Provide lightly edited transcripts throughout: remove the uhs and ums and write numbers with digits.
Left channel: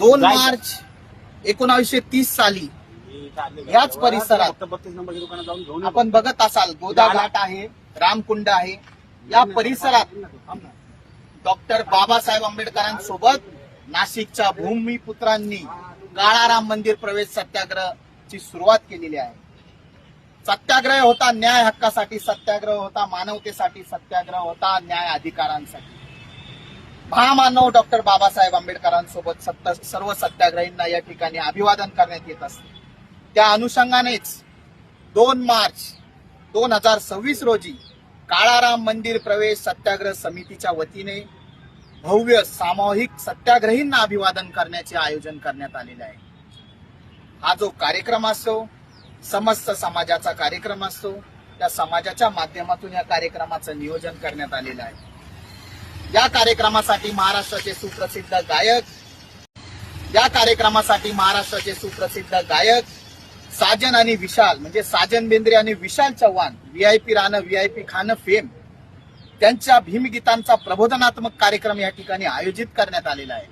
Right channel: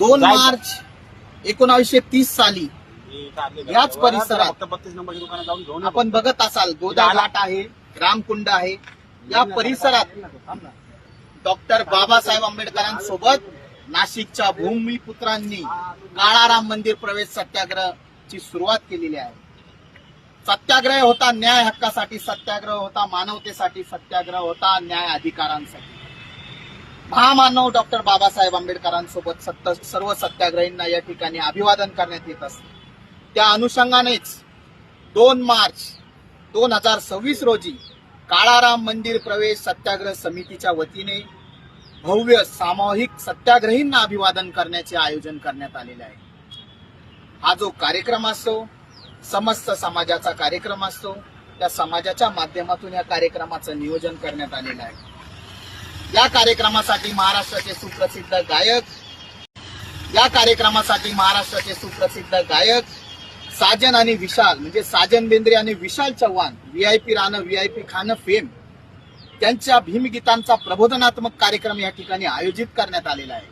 2 मार्च 1930 साली याच परिसरात 32 नंबरच्या दुकानात जाऊन घेऊन आपण बघत असाल गोदाघाट आहे, रामकुंड आहे, या परिसरात डॉक्टर बाबासाहेब आंबेडकरांसोबत नाशिकच्या भूमिपुत्रांनी काळाराम मंदिर प्रवेश सत्याग्रहाची सुरुवात केलेली आहे. सत्याग्रह होता न्याय हक्कासाठी, सत्याग्रह होता मानवतेसाठी, सत्याग्रह होता न्याय अधिकारांसाठी. महामानव डॉक्टर बाबासाहेब आंबेडकरांसोबत सर्व सत्याग्रहींना या ठिकाणी अभिवादन करण्यात येत असते. त्या अनुषंगानेच 2 मार्च 2026 रोजी काळाराम मंदिर प्रवेश सत्याग्रह समितीच्या वतीने भव्य सामूहिक सत्याग्रहींना अभिवादन करण्याचे आयोजन करण्यात आलेले आहे. हा जो कार्यक्रम असतो समस्त समाजाचा कार्यक्रम असतो. त्या समाजाच्या माध्यमातून या कार्यक्रमाचं नियोजन करण्यात आलेलं आहे. या कार्यक्रमासाठी महाराष्ट्राचे सुप्रसिद्ध गायक साजन आणि विशाल म्हणजे साजन बेंद्रे आणि विशाल चव्हाण व्हीआयपी राहणं व्हीआयपी खाणं फेम त्यांच्या भीमगीतांचा प्रबोधनात्मक कार्यक्रम या ठिकाणी आयोजित करण्यात आलेला आहे.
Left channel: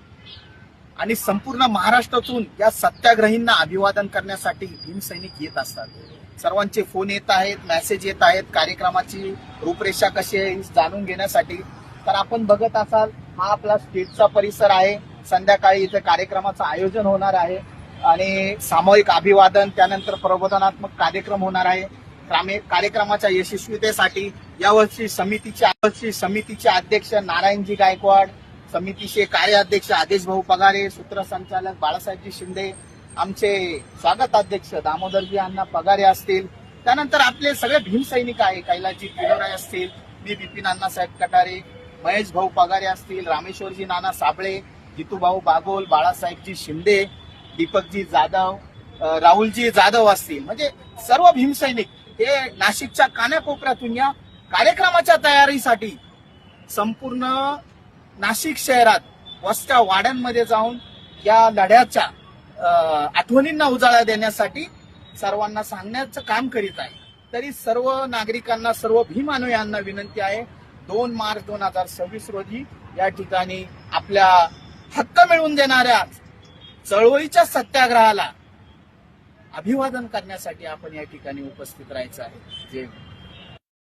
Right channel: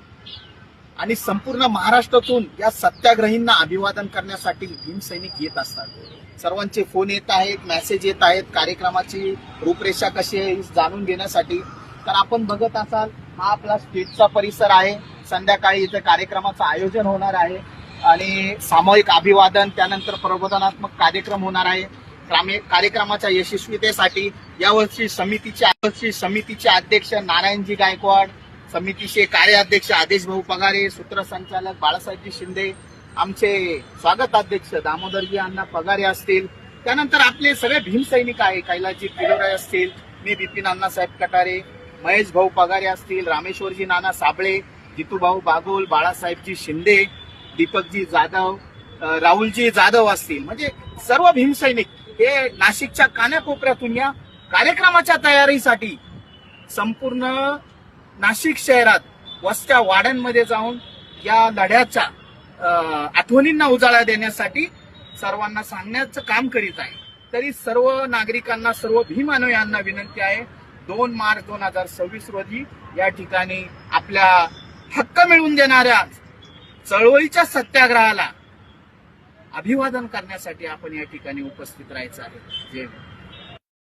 आणि संपूर्ण महाराष्ट्रातून या सत्याग्रहींना अभिवादन करण्यासाठी भीमसैनिक येत असतात. सर्वांचे फोन येत आहेत, मेसेज येत आहेत कार्यक्रमाची रूपरेषा कशी आहे जाणून घेण्यासाठी. तर आपण बघत असाल हा आपला स्टेजचा परिसर आहे. संध्याकाळी इथे कार्यक्रमाचं आयोजन होणार आहे आणि सामूहिक अभिवादन त्यानंतर प्रबोधनात्मक कार्यक्रम होणार आहे. कार्यक्रमाच्या यशस्वीतेसाठी यावर्षी समितीचे अध्यक्ष नारायणजी गायकवाड, समितीचे कार्याध्यक्ष आदेश भाऊ पगारे, सूत्रसंचालक बाळासाहेबजी शिंदे, आमचे स्वागत अध्यक्ष दामोदरजी अण्णा पगारे असतील, त्यानंतर आपले सगळे भीमसैनिक आहे कैलासजी किलोराय असतील, मी बिपिन अण्णासाहेब कटारे, महेश भाऊ पगारे असतील, रामेश्वरजी नाना साबळे, जितूभाऊ बागोल, बाळासाहेबजी शिंदे, दीपकजी जाधव, राहुलजी जाधव असतील. म्हणजे सर्व भीमसैनिक हे नाशिकच्या कानाकोपऱ्यातून या कार्यक्रमाच्या तयारीसाठी संपूर्ण नाशिक शहरात वस्त्या वाड्यांमध्ये जाऊन या लढ्याच्या आठवणींना उजाळा देण्यासाठी सर्वांना सांगण्याचं काम करीत आहे. तरी सर्व नागरिकांना, सर्व भीमानुयांना विनंती आहे 2 मार्च 2026 रोजी या ठिकाणी आपल्या हक्क मिळवून देणाऱ्या चळवळीच्या सत्याग्रहाला अभिवादन करण्यासाठी आपण या ठिकाणी उपस्थित राहायचं आहे. जय